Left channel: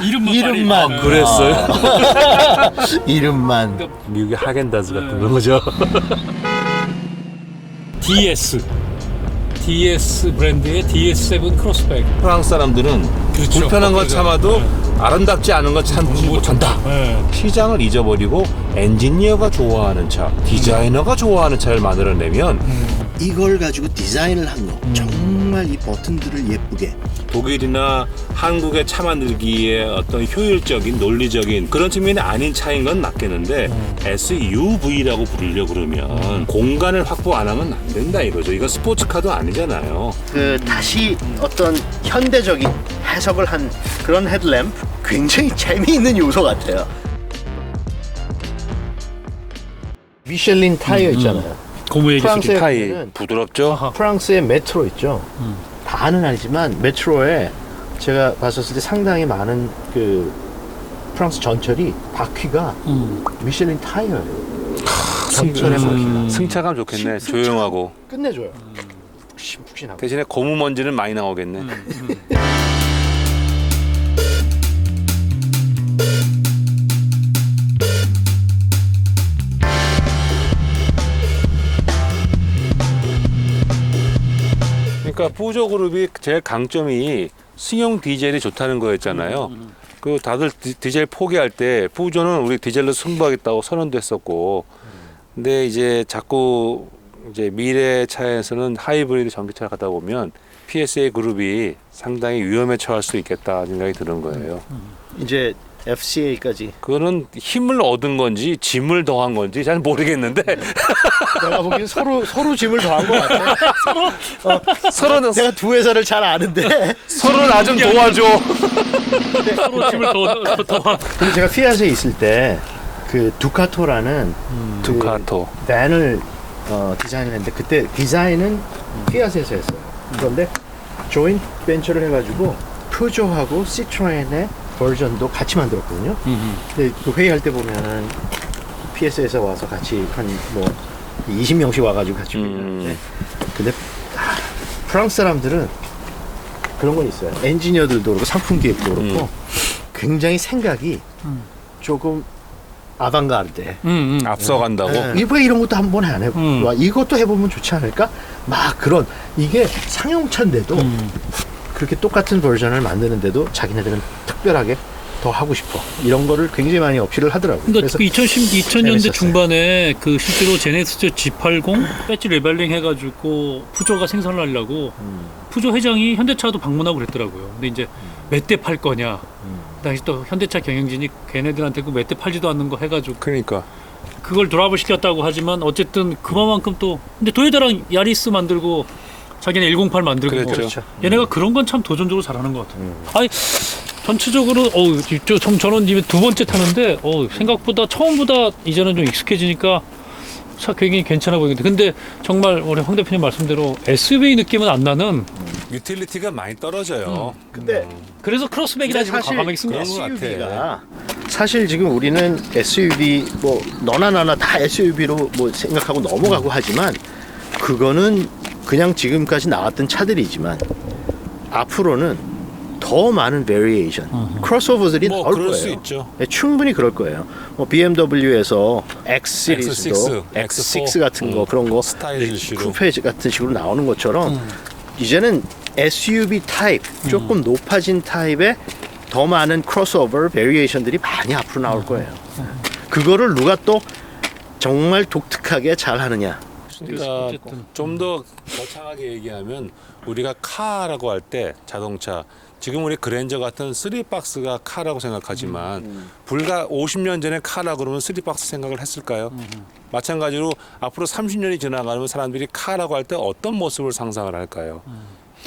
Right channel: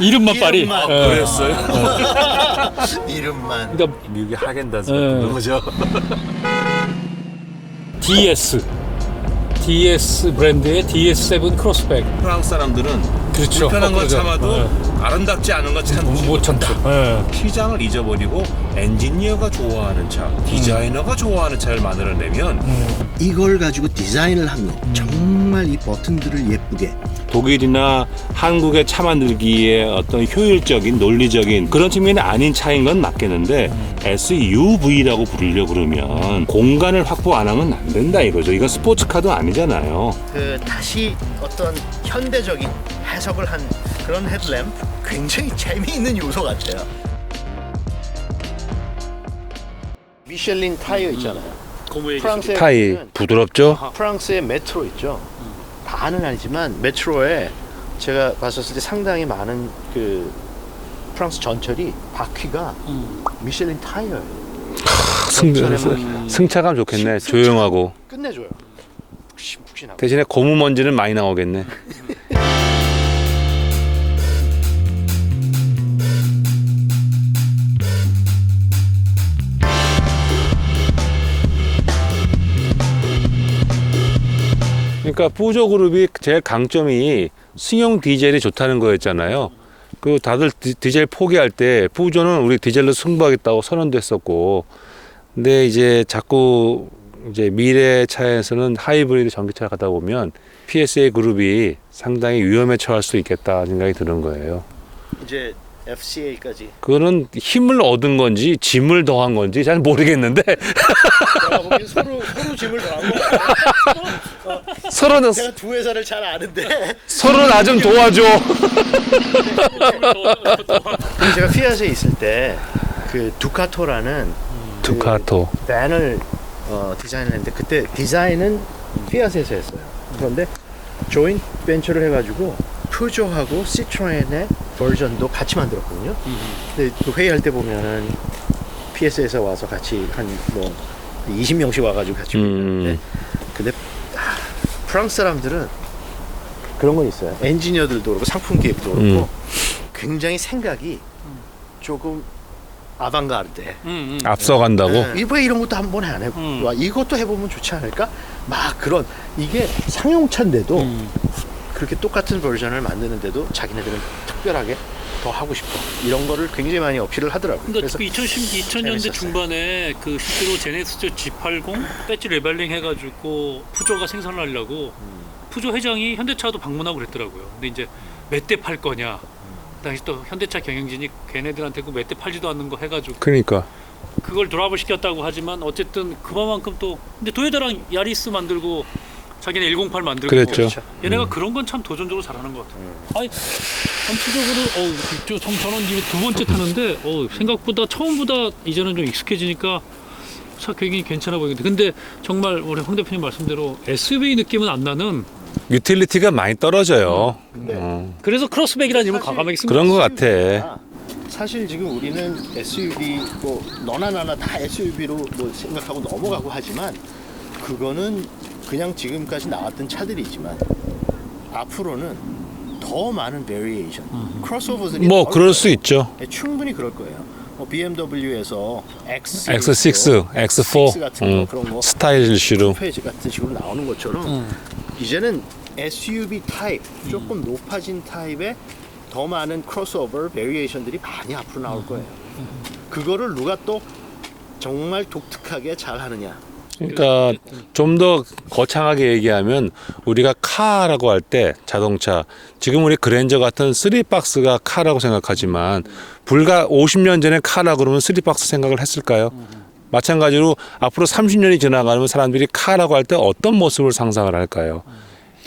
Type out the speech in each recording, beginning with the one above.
이름만 파리. 이름만. 그랬어요? 이름만. 그러니까 미국의 하겐다즈 같은 거죠. DS 브랜드의 DS7 크로스백. 프랑스 사람들은 그렇죠. 불편한 거 그렇죠. 참아도 네. 아름답지 않은 거 참지 못한다. 네. 시장을 잊어버리고 엔지니어가 좋아하는 차, 디자이너가 좋아하는 차를 만들어내면 이걸 가지고 디자인을 한 거. 정말 이 버튼들을 예쁘게. 독일이나 한국의 차 만들기에 어떤 효율적인 논리적인 그런 측면이 아닌 차인 건 맞겠는데 SUV라고 부르려고 그러면 공간을 확보 안 하면 안 된다 이거죠. 이건 스포츠카도 아니잖아요. 그 다시 어떤 현대적인 해석을 한 그런 헤드램프 굉장히 재미있는 요소 같아요. 미셸린 타이어 있잖아요. 고무 얘기 프랑스의 타이 보면은 부드럽죠? 프랑스의 메트로 있죠. 다는 아니지만 메트로에 제가 봤었을 때 상당히 많은 그 프랑스 전철이 바퀴가 미셸린 타이어예요. 전철의 바퀴가 승차감 좋겠네. 승차감. 조용하고 끝내줘요. 푹신푹신하고. 대신에 고무 먼지는 많이 나오겠네. 그러니까 푸조 그룹이 제일 강점이 승용 디젤이 좋다는 거였잖아요. 그 다들 디젤 포기할 때 푸조는 우리 디젤로 승부하겠다고 선언도 했었고, 근데 이제 자꾸 이제 미래 차에서는 하이브리드 전기차를 가다 보면 PSA 그룹이 상당히 위험에 처할 수 있겠다 생각이 드는 거예요. 이제 FCA까지. 그거는 힘을 얻은 건지 짐을 더한 건지 잘 모르겠는데 내가 보기엔 서로 짐을 더한 것 같아. 서로는 내가 두 회사를 잘 아는데. 서로 나 좀 도와줘. 근데 제가 피아트에 있을 때 그 두카토라는 두카토. 그 밴을 디자인을 했는데 그때 디자인은 피아트에서 했어요. 그런데 조인트 벤처를 해가지고 푸조하고 시트로엔의 버전도 같이 만들었거든요. 근데 그 회의할 때 보면은 PS에서 와서 같이 한 뭐 20명씩 와가지고 같이 회의하는데 근데 프랑스 사람들은 그런 건 있어요. 엔지니어들도 그렇고 상품 기획도 그렇고 굉장히 생각이 조금 아방가르드. 앞서간다고. 왜 이런 것도 한번 안 해보고 이것도 해보면 좋지 않을까? 막 그런 이게 상용차인데도 그렇게 똑같은 버전을 만드는데도 자기네들은 특별하게 더 하고 싶어 이런 거를 굉장히 많이 어필을 하더라고요. 그러니까 그래서 2000년대 재밌었어요. 중반에 그 실제로 제네시스 G80 배지 레벨링 해가지고 푸조가 생산을 하려고 푸조 회장이 현대차도 방문하고 그랬더라고요. 근데 이제 몇 대 팔 거냐. 그 당시 또 현대차 경영진이 걔네들한테 그 몇 대 팔지도 않는 거 해가지고 그러니까 그걸 드랍을 시켰다고 하지만 어쨌든 그만큼 또 근데 도요타랑 야리스 만들고 자기네 108 만들고 그랬죠. 얘네가 그런 건 참 도전적으로 잘하는 것 같아요. 아니 전체적으로 저는 이제 두 번째 타는데 생각보다 처음보다 이제는 좀 익숙해지니까 차 굉장히 괜찮아 보이는데 근데 정말 우리 황 대표님 말씀대로 SUV 느낌은 안 나는 유틸리티가 많이 떨어져요. 근데 그래서 크로스백이라는 이름을 사실 과감하게 쓴 그런 것 것 같아요. 같아. 사실 지금 우리는 SUV 뭐 너나 나나 다 SUV로 뭐 생각하고 넘어가고 하지만 그거는 그냥 지금까지 나왔던 차들이지만 앞으로는 더 많은 베리에이션, 크로스오버들이 뭐 나올 그럴 거예요. 수 있죠. 네, 충분히 그럴 거예요. 뭐 BMW에서 X X6, X4 같은 거 그런 거 스타일 이슈로. 쿠페 같은 식으로 나오는 것처럼 이제는 SUV 타입 조금 높아진 타입의 더 많은 크로스오버 베리에이션들이 많이 앞으로 나올 거예요. 그거를 누가 또 정말 독특하게 잘 하느냐. 그러니까 좀 더 거창하게 얘기하면 우리가 카라고 할 때 자동차 지금 우리 그랜저 같은 3박스가 카라고 생각하지만 불과 50년 전에 카라 그러면 3박스 생각을 했을까요? 마찬가지로 앞으로 30년이 지나가면 사람들이 카라고 할 때 어떤 모습을 상상을 할까요?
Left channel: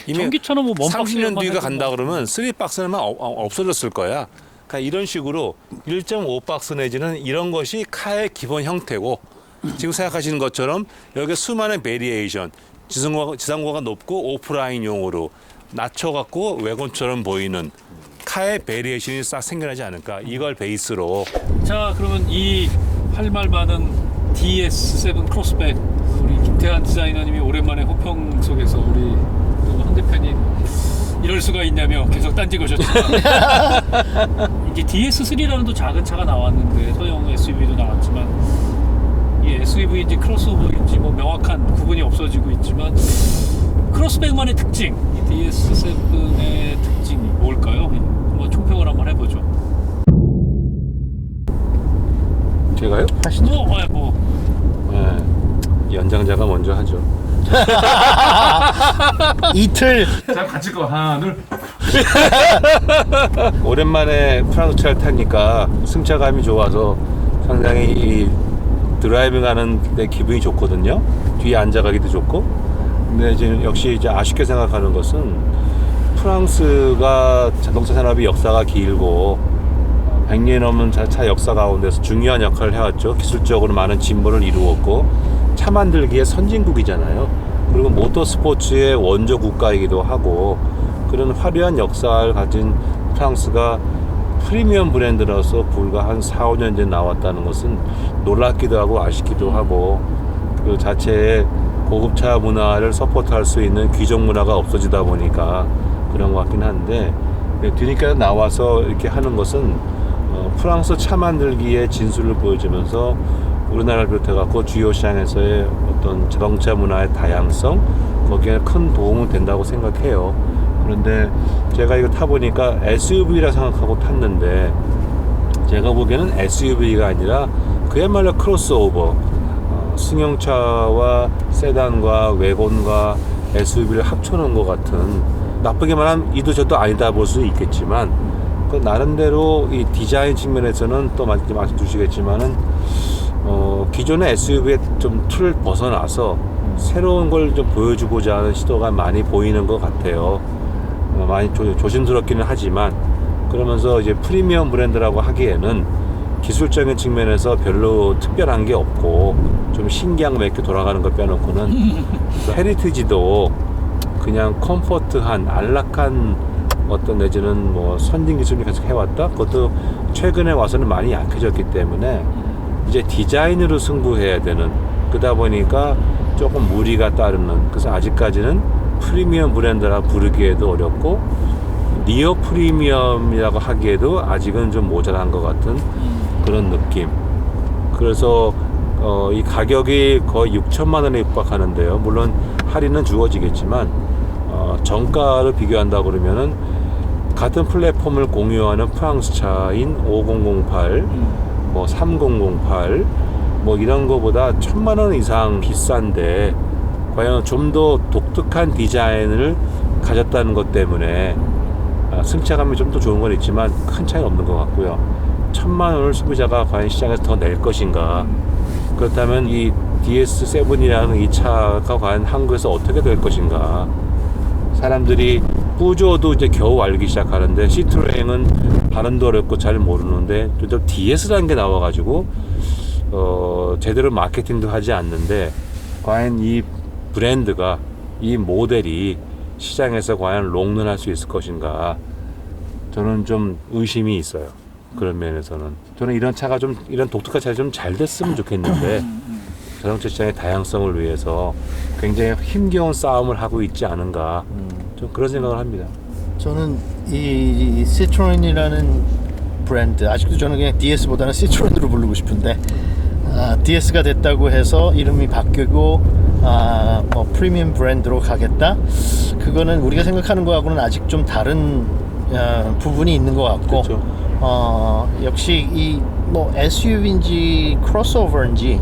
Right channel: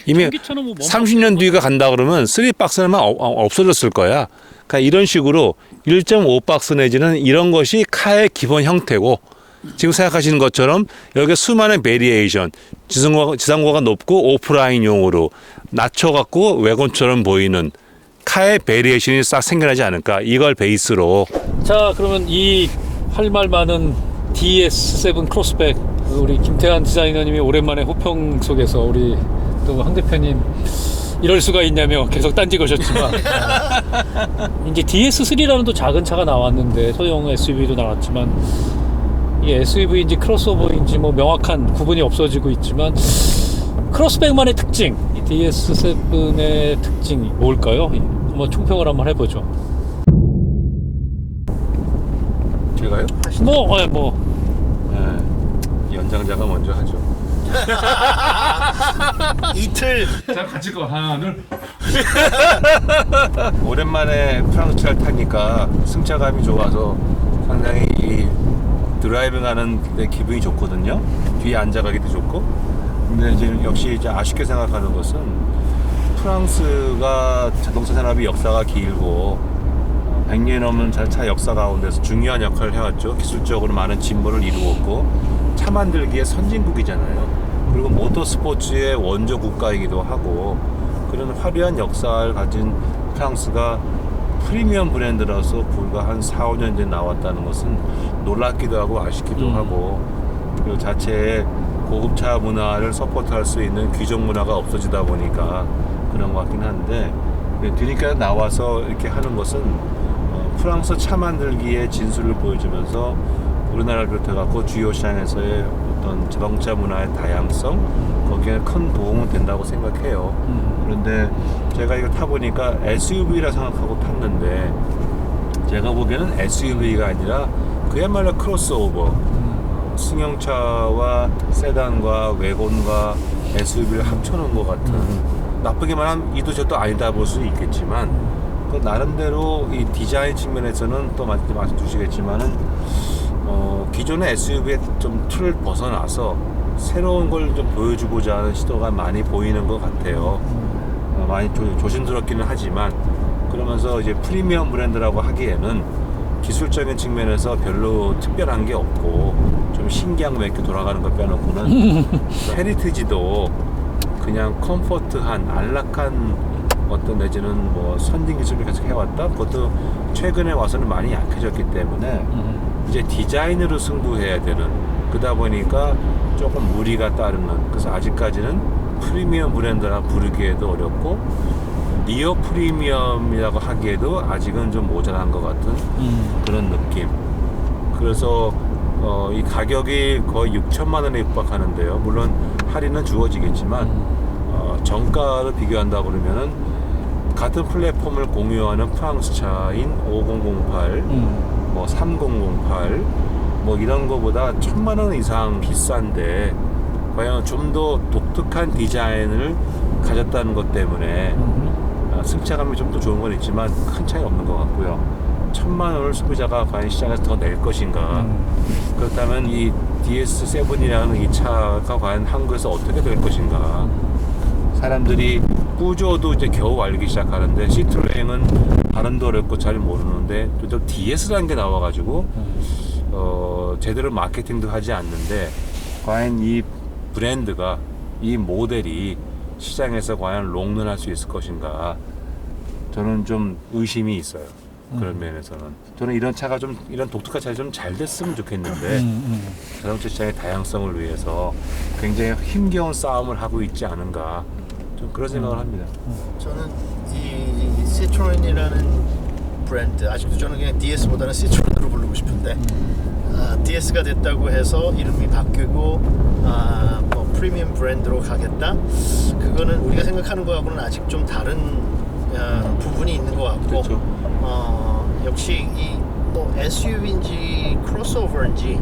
이미 전기차는 뭐 30년 뒤가 간다 그러면 3박스는 없어졌을 거야. 그러니까 이런 식으로 1.5박스 내지는 이런 것이 카의 기본 형태고 지금 생각하시는 것처럼 여기 수많은 베리에이션 지상고가 높고 오프라인용으로 낮춰갖고 외건처럼 보이는 카의 베리에이션이 싹 생겨나지 않을까 이걸 베이스로. 자 그러면 이 할 말 많은 DS7 크로스백 우리 김태환 디자이너님이 오랜만에 호평 속에서 우리 또 황 대표님 이럴 수가 있냐며 계속 딴지 거셨지만 이제 DS3라는 또 작은 차가 나왔는데 소형 SUV도 나왔지만 이 SUV인지 크로스오버인지 뭐 명확한 구분이 없어지고 있지만 크로스백만의 특징, 이 DS7의 특징이 뭘까요? 한번 총평을 한번 해보죠. 제가요? 네. 연장자가 먼저 하죠. 이틀 자, 같이 거 하나, 둘. 오랜만에 프랑스 차를 타니까 승차감이 좋아서 상당히 이 드라이빙하는 데 기분이 좋거든요. 뒤에 앉아가기도 좋고. 근데 이제 역시 이제 아쉽게 생각하는 것은 프랑스가 자동차 산업이 역사가 길고 100년 넘는 차 역사 가운데서 중요한 역할을 해왔죠. 기술적으로 많은 진보를 이루었고 차 만들기의 선진국이잖아요. 그리고 모터스포츠의 원조 국가이기도 하고 그런 화려한 역사를 가진 프랑스가 프리미엄 브랜드라서 불과 한 4, 5년 전에 나왔다는 것은 놀랍기도 하고 아쉽기도 하고 그 자체의 고급차 문화를 서포트할 수 있는 귀족 문화가 없어지다 보니까 그런 것 같긴 한데 뒤늦게 나와서 이렇게 하는 것은 프랑스 차 만들기의 진수를 보여주면서 우리나라를 비롯해갖고 주요 시장에서의 어떤 자동차 문화의 다양성 거기에 큰 도움은 된다고 생각해요. 그런데 제가 이거 타보니까 SUV라 생각하고 탔는데 제가 보기에는 SUV가 아니라 그야말로 크로스오버 승용차와 세단과 외곤과 SUV를 합쳐놓은 것 같은 나쁘게 말하면 이도 저도 아니다 볼 수는 있겠지만 그 나름대로 이 디자인 측면에서는 또 말씀 주시겠지만은 기존의 SUV의 좀 틀을 벗어나서 새로운 걸 좀 보여주고자 하는 시도가 많이 보이는 것 같아요. 많이 조심스럽기는 하지만 그러면서 이제 프리미엄 브랜드라고 하기에는 기술적인 측면에서 별로 특별한 게 없고 좀 신기한 거 몇 개 돌아가는 거 빼놓고는 헤리티지도 그냥 컴포트한 안락한 어떤 내지는 뭐 선진 기술을 계속 해왔다. 그것도 최근에 와서는 많이 약해졌기 때문에 이제 디자인으로 승부해야 되는 그러다 보니까 조금 무리가 따르는 그래서 아직까지는 프리미엄 브랜드라 부르기에도 어렵고 니어 프리미엄이라고 하기에도 아직은 좀 모자란 것 같은 그런 느낌. 그래서 이 가격이 거의 6천만 원에 육박하는데요. 물론 할인은 주어지겠지만 정가를 비교한다 그러면은 같은 플랫폼을 공유하는 프랑스 차인 5008, 뭐 3008, 뭐 이런 거보다 1,000만 원 이상 비싼데 과연 좀 더 독특한 디자인을 가졌다는 것 때문에 승차감이 좀 더 좋은 건 있지만 큰 차이는 없는 것 같고요. 1,000만 원을 소비자가 과연 시장에서 더 낼 것인가? 그렇다면 이 DS7이라는 이 차가 과연 한국에서 어떻게 될 것인가? 사람들이 뿌조도 이제 겨우 알기 시작하는데 시트로행은 발음도 어렵고 잘 모르는데 또 DS라는 게 나와가지고 제대로 마케팅도 하지 않는데 과연 이 브랜드가 이 모델이 시장에서 과연 롱런할 수 있을 것인가 저는 좀 의심이 있어요. 그런 면에서는 저는 이런 차가 좀 이런 독특한 차가 좀 잘 됐으면 좋겠는데 자동차 시장의 다양성을 위해서 굉장히 힘겨운 싸움을 하고 있지 않은가 좀 그런 생각을 합니다. 저는 이 시트로엔이라는 브랜드 아직도 저는 그냥 DS보다는 시트로엔으로 부르고 싶은데 DS가 됐다고 해서 이름이 바뀌고 뭐 프리미엄 브랜드로 가겠다 그거는 우리가 생각하는 거하고는 아직 좀 다른 부분이 있는 것 같고 그렇죠. 역시 이 뭐 SUV인지 크로스오버인지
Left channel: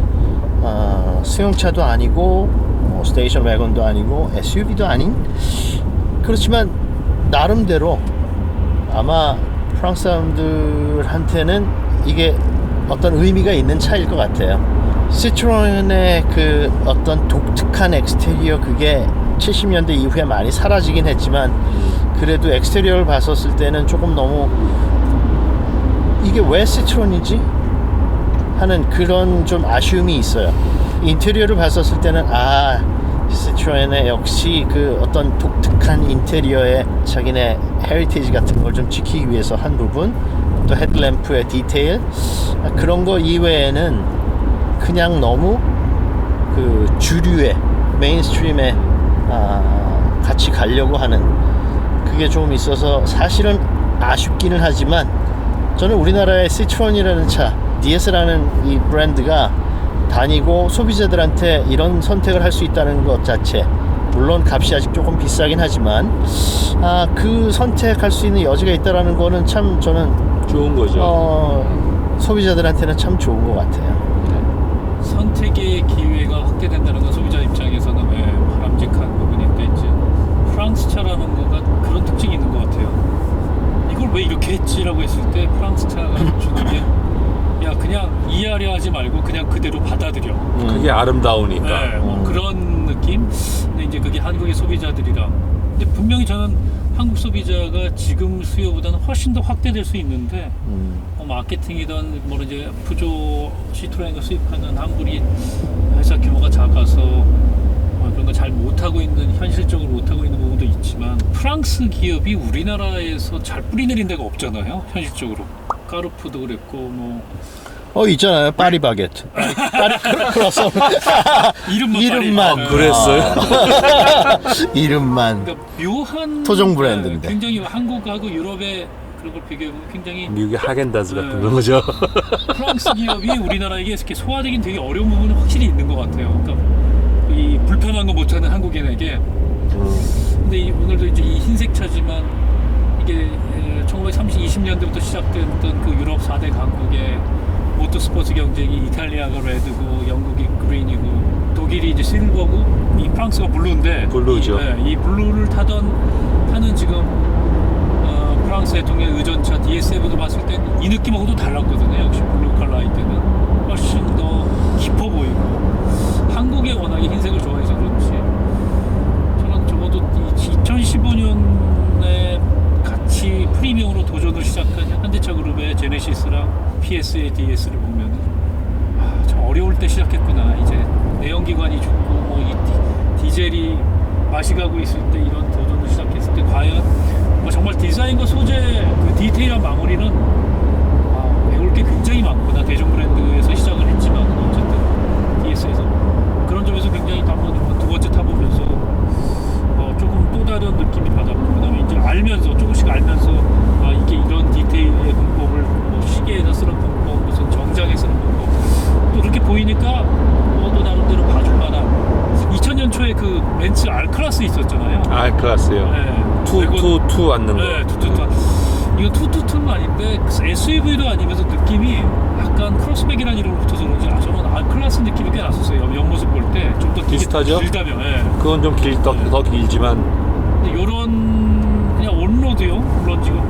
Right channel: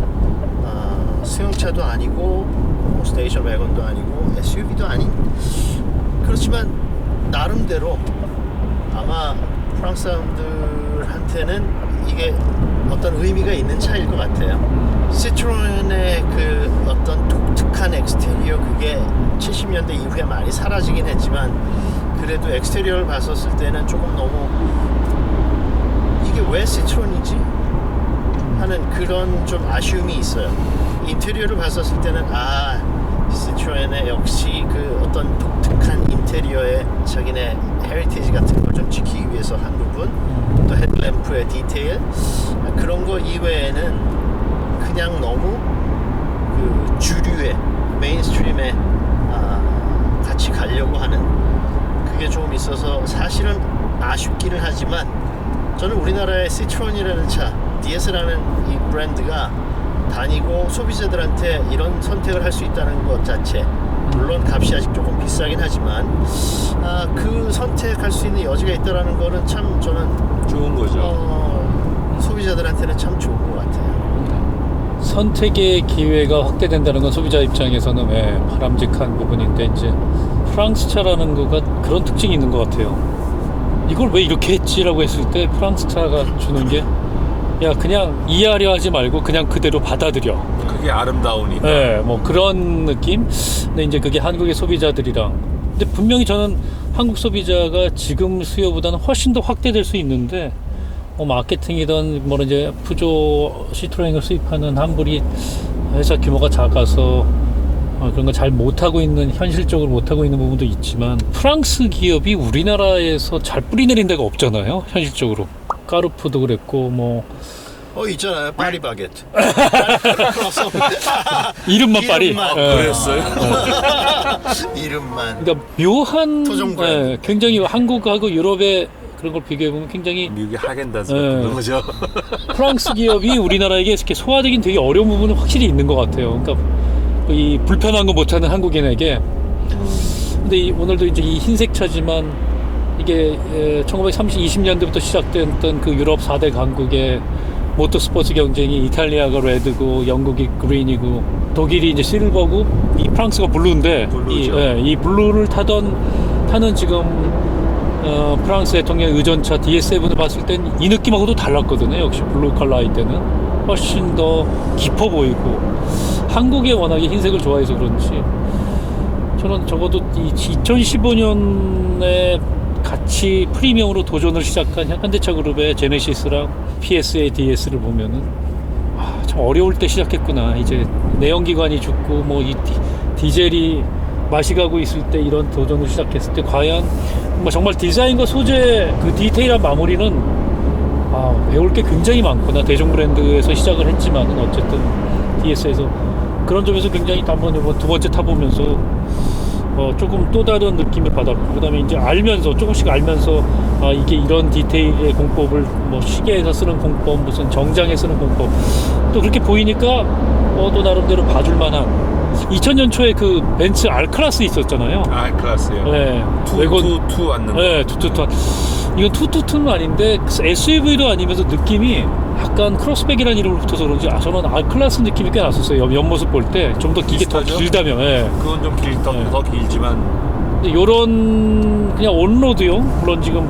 수용차도 아니고 뭐 스테이션 wä건도 아니고 SUV도 아닌 그렇지만 나름대로 아마 프랑스 사람들한테는 이게 어떤 의미가 있는 차일 것 같아요. 시트로엔의 그 어떤 독특한 엑스테리어 그게 70년대 이후에 많이 사라지긴 했지만 그래도 엑스테리어를 봤었을 때는 조금 너무 이게 왜 시트로엔이지? 하는 그런 좀 아쉬움이 있어요. 인테리어를 봤었을 때는 시트로엔의 역시 그 어떤 독특한 인테리어의 자기네 헤리티지 같은 걸 좀 지키기 위해서 한 부분 또 헤드램프의 디테일 그런 거 이외에는 그냥 너무 그 주류의 메인스트림에 같이 가려고 하는 그게 조금 있어서 사실은 아쉽기는 하지만 저는 우리나라의 시트론이라는 차, DS라는 이 브랜드가 다니고 소비자들한테 이런 선택을 할 수 있다는 것 자체, 물론 값이 아직 조금 비싸긴 하지만 그 선택할 수 있는 여지가 있다는 거는 참 저는 좋은 거죠. 소비자들한테는 참 좋은 것 같아요. 선택의 기회가 확대된다는 건 소비자 입장에서는 바람직한 부분인데 이제 프랑스 차라는 거가 그런 특징이 있는 것 같아요. 이걸 왜 이렇게 했지라고 했을 때 프랑스 차가 주는 게 야 그냥 이해하려 하지 말고 그냥 그대로 받아들여. 그게 아름다우니까. 네, 뭐 그런 느낌. 근데 이제 그게 한국의 소비자들이랑. 근데 분명히 저는 한국 소비자가 지금 수요보다는 훨씬 더 확대될 수 있는데 마케팅이든 뭐 이제 푸조 시트로엔을 수입하는 한국이 회사 규모가 작아서 그런 거 잘 못하고 있는, 현실적으로 못하고 있는 부분도 있지만 프랑스 기업이 우리나라에서 잘 뿌리내린 데가 없잖아요, 현실적으로. 까르푸도 그랬고 뭐 있잖아요, 파리 바게트. 이름만 파리. 그랬어요? 이름만. 그러니까 묘한 토종 브랜드인데. 굉장히 한국하고 유럽의 그런 걸 비교해 보면 굉장히 미국의 하겐다즈 같은 거죠. 프랑스 기업이 우리나라에게 이렇게 소화되긴 되게 어려운 부분은 확실히 있는 것 같아요. 그러니까 이 불편한 거 못하는 한국인에게. 근데 오늘도 이제 이 흰색 차지만 이게 20년대부터 시작됐던 그 유럽 4대 강국의 모터스포츠 경쟁이 이탈리아가 레드고 영국이 그린이고 독일이 이제 실버고 이 프랑스가 블루인데 블루죠. 이 블루를 타는 지금 프랑스 대통령 의전차 DS7을 봤을 땐 이 느낌하고도 달랐거든요. 역시 블루 컬러일 때는 훨씬 더 깊어 보이고 한국에 워낙에 흰색을 좋아해서 그런지 저는 적어도 2015년에 같이 프리미엄으로 도전을 시작한 현대차 그룹의 제네시스랑 PSA DS를 보면은 참 어려울 때 시작했구나. 이제 내연기관이 죽고 뭐 이 디젤이 맛이 가고 있을 때 이런 도전을 시작했을 때 과연 뭐 정말 디자인과 소재 그 디테일한 마무리는 배울 게 굉장히 많구나. 대중 브랜드에서 시작을 했지만 어쨌든 DS에서 그런 점에서 굉장히 한번 두 번째 타보면서 조금 또 다른 느낌을 받았고, 그 다음에 이제 조금씩 알면서, 이게 이런 디테일의 공법을, 뭐, 시계에서 쓰는 공법, 무슨 정장에 쓰는 공법, 또 그렇게 보이니까, 또 나름대로 봐줄 만한, 2000년 초에 그 벤츠 R클래스 있었잖아요. 클래스요. 네. 투 앉는 거. 네, 투투투. 이건 투투투는 아닌데, SUV도 아니면서 느낌이 약간 크로스백이라는 이름으로 붙어서 그런지, 저는 R클래스 느낌이 꽤 났었어요. 옆모습 볼 때. 좀 더 비슷하죠? 길다면, 예. 그건 좀 더 길지만. 요런 그냥 온로드용, 물론 지금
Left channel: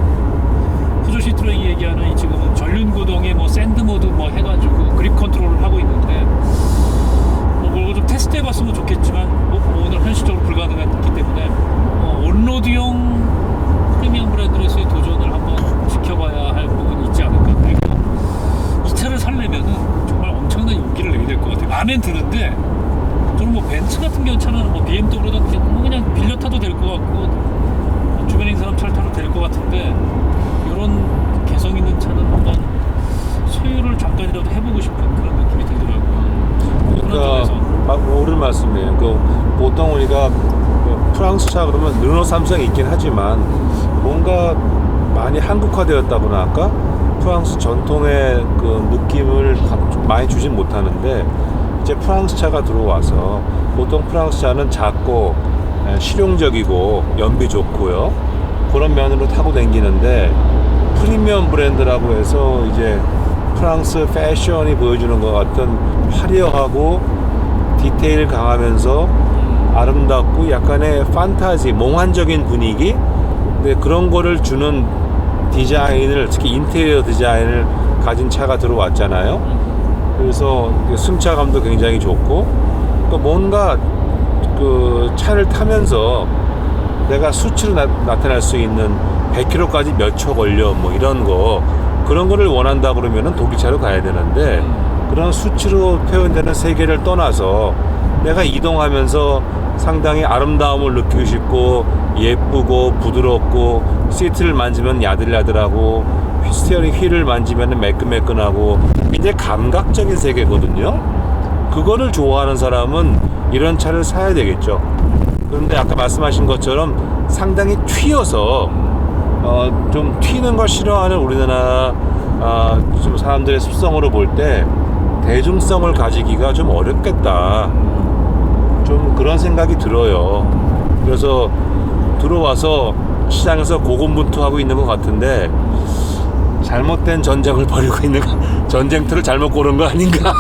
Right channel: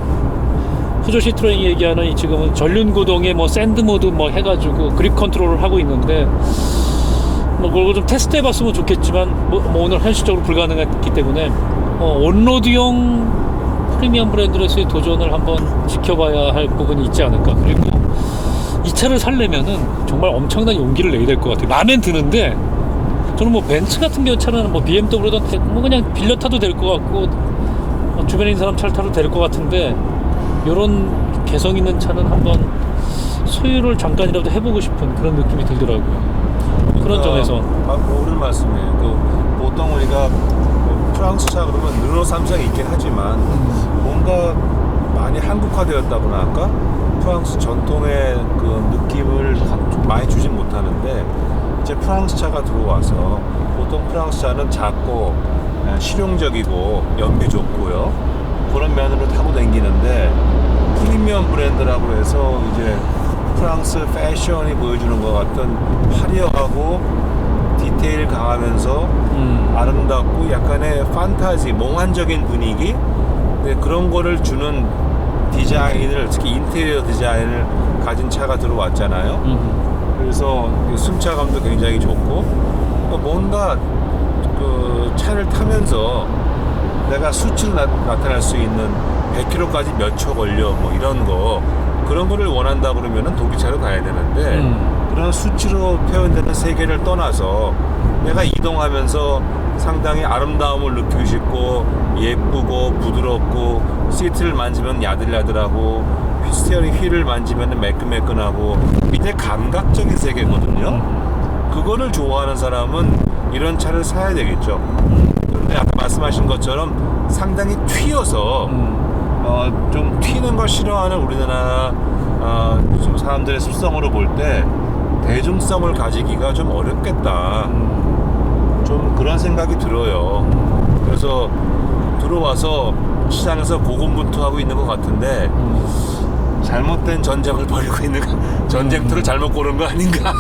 푸조 시트로엔이 얘기하는 지금은 전륜 구동에 뭐 샌드 모드 뭐 해가지고 그립 컨트롤을 하고 있는데 뭐 그걸 좀 테스트 해봤으면 좋겠지만 뭐 오늘 현실적으로 불가능했기 때문에 온로드용 프리미엄 브랜드로서의 도전을 한번 지켜봐야 할 부분이 있지 않을까. 그리고 이 차를 살려면은 정말 엄청난 용기를 내야 될 것 같아요. 마음엔 드는데 저는 뭐 벤츠 같은 경우 차는 뭐 BMW든 뭐 그냥 빌려 타도 될 것 같고 주변에 있는 사람 차를 타도 될 것 같은데 이런 개성 있는 차는 한번 소유를 잠깐이라도 해보고 싶은 그런 느낌이 들더라고요. 그런 점에서 옳은 말씀이에요. 보통 우리가 프랑스 차 그러면 르노 삼성이 있긴 하지만 뭔가 많이 한국화되었다고나 할까? 프랑스 전통의 그 느낌을 많이 주진 못하는데 이제 프랑스 차가 들어와서 보통 프랑스 차는 작고 실용적이고 연비 좋고요. 그런 면으로 타고 다니는데 프리미엄 브랜드라고 해서 이제 프랑스 패션이 보여주는 것 같은 화려하고 디테일 강하면서 아름답고 약간의 판타지, 몽환적인 분위기, 근데 그런 거를 주는 디자인을, 특히 인테리어 디자인을 가진 차가 들어왔잖아요. 그래서 승차감도 굉장히 좋고 또 뭔가 그 차를 타면서 내가 수치로 나타날 수 있는 100km까지 몇 초 걸려 뭐 이런 거, 그런 거를 원한다 그러면은 독일차로 가야 되는데 그런 수치로 표현되는 세계를 떠나서 내가 이동하면서 상당히 아름다움을 느끼고 싶고 예쁘고 부드럽고 시트를 만지면 야들야들하고 스티어링 휠을 만지면 매끈매끈하고 굉장히 감각적인 세계거든요. 그거를 좋아하는 사람은 이런 차를 사야 되겠죠. 그런데 아까 말씀하신 것처럼 상당히 튀어서 좀 튀는 걸 싫어하는 우리나라 좀 사람들의 습성으로 볼 때 대중성을 가지기가 좀 어렵겠다. 좀 그런 생각이 들어요. 그래서 들어와서 시장에서 고군분투하고 있는 것 같은데 잘못된 전쟁을 벌이고 있는 전쟁터를 잘못 고른 거 아닌가.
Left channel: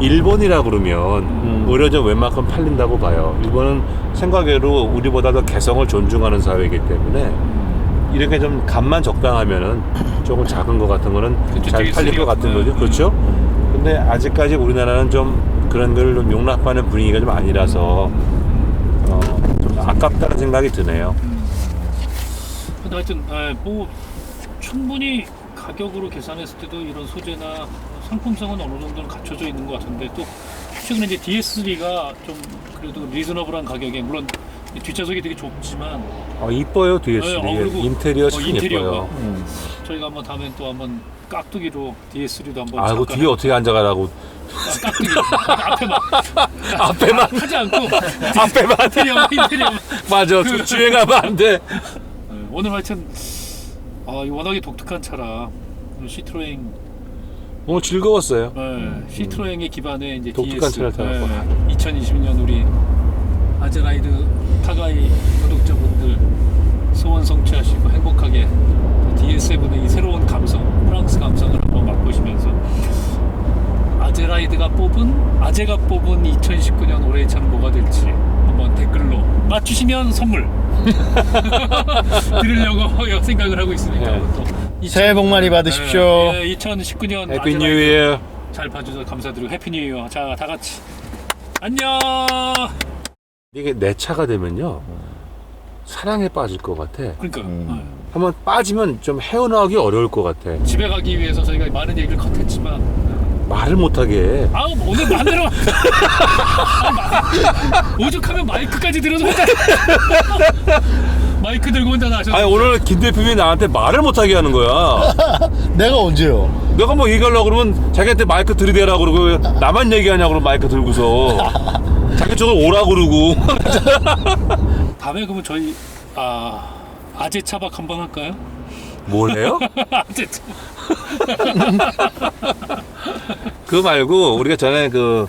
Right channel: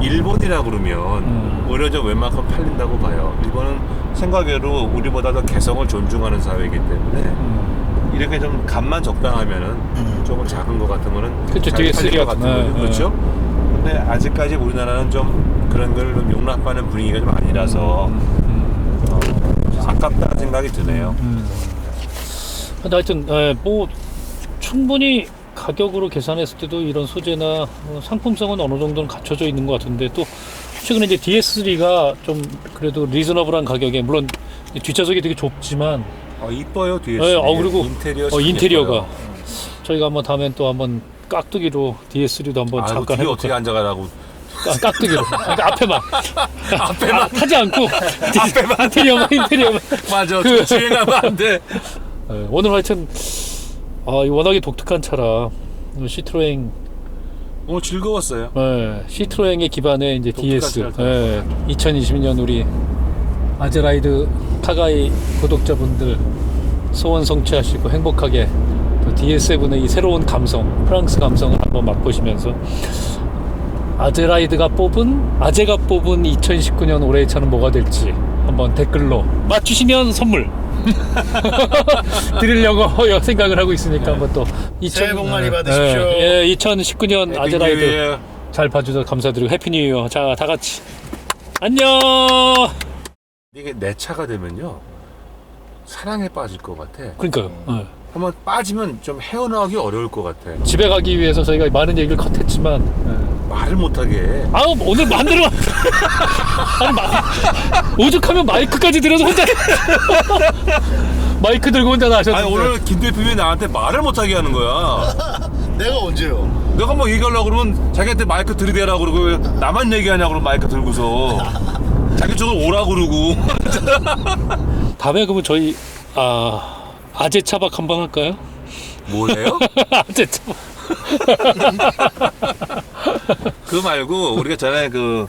일본이라 그러면 오히려 좀 웬만큼 팔린다고 봐요. 일본은 생각외로 우리보다 더 개성을 존중하는 사회이기 때문에 이렇게 좀 값만 적당하면은 조금 작은 거 같은 거는 그쵸, 잘 되게 팔릴 것 같은 쓰레기. 거죠. 그렇죠? 근데 아직까지 우리나라는 좀 그런 걸 좀 용납하는 분위기가 좀 아니라서 좀 아깝다는 생각이 드네요. 근데 하여튼 뭐 충분히 가격으로 계산했을 때도 이런 소재나 상품성은 어느 정도는 갖춰져 있는 것 같은데 또 최근에 이제 DS3가 좀 그래도 리즈너블한 가격에 물론 뒷좌석이 되게 좁지만 이뻐요 뒤에. 그리고 인테리어 참 인테리어가 예뻐요. 저희가 한번 다음엔 또 한번 깍두기로 DS3도 한번 아이고 잠깐 뒤에 어떻게 앉아가라고. 깍두기로 앞에만 앞에만 하지 않고 앞에만 인테리어만 맞아. 좀 주행하면 안 돼. 오늘 하여튼 워낙에 독특한 차라 시트로엥 즐거웠어요. 시트로엥의 기반의 이제 독특한 DS 차를 타고. 2020년 우리 아제라이드 타가이 구독자분들 소원 성취하시고 행복하게 DS7의 이 새로운 감성, 프랑스 감성을 한번 맛보시면서 아제가 뽑은 2019년 올해의 차는 뭐가 될지 한번 댓글로 맞추시면 선물 드리려고 생각을 하고 있으니까 한번 또 새해 복 많이 받으십시오. 2019년 해피 아제라이드 뉴 이어. 잘 봐주셔서 감사드리고 해피 뉴 이어. 자, 다 같이 안녕. 이게 내 차가 되면요 사랑에 빠질 것 같아. 그러니까요. 한번 빠지면 좀 헤어나오기 어려울 것 같아. 집에 가기 위해서 저희가 많은 얘기를 컷했지만 말을 못하게 해. 오늘 만들어 오죽하면 마이크까지 들어서 혼자 마이크 들고 혼자 나셨는데 아니 오늘 김 대표님이 나한테 말을 못하게 하는 거야. 내가 언제요? 내가 뭐 얘기하려고 그러면 자기한테 마이크 들이대라고 그러고 왜 나만 얘기하냐고 그러고 마이크 들고서 자기 쪽으로 오라고 그러고. 다음에 그러면 저희 아재 차박 한번 할까요? 뭐래요? 아재 차박. 그거 말고 우리가 전에 그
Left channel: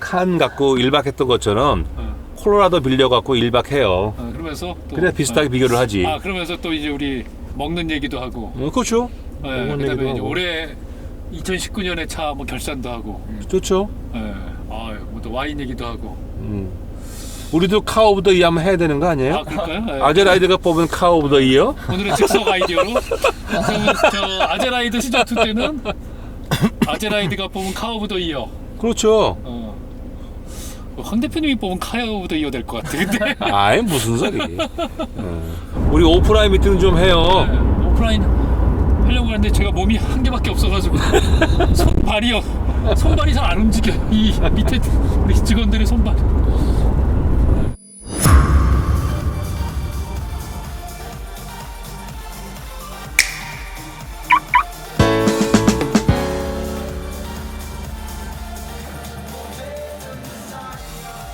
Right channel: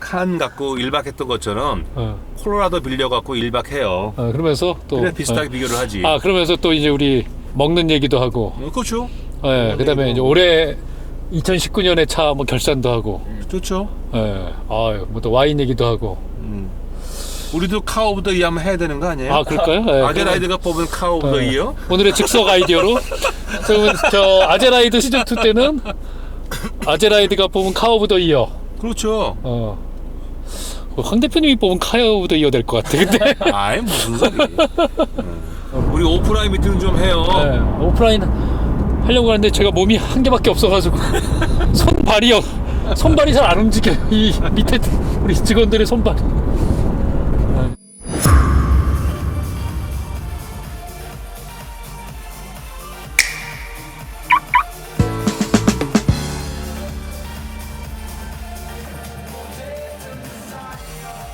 칸 갖고 1박 했던 것처럼 콜로라도 빌려갖고 1박 해요. 그러면서 또 그래 비슷하게 비교를 하지. 그러면서 또 이제 우리 먹는 얘기도 하고 그렇죠. 그다음에 이제 올해 2019년에 차 뭐 결산도 하고 좋죠. 뭐 또 와인 얘기도 하고 우리도 카 오브 더 이어 한번 해야 되는 거 아니에요? 그럴까요? 아제라이드가 뽑은 카 오브 더 이어? 오늘의 즉석 아이디어로 그러면 저 아제라이드 시즌 2 때는 아제라이드가 뽑은 카 오브 더 이어. 그렇죠. 황 대표님이 뽑은 카 오브 더 이어 될 것 같아. 근데 아이 무슨 소리. 우리 오프라인 미팅 좀 해요. 오프라인 하려고 하는데 제가 몸이 한 개밖에 없어가지고 손발이 잘 안 움직여요. 이 밑에 우리 직원들의 손발이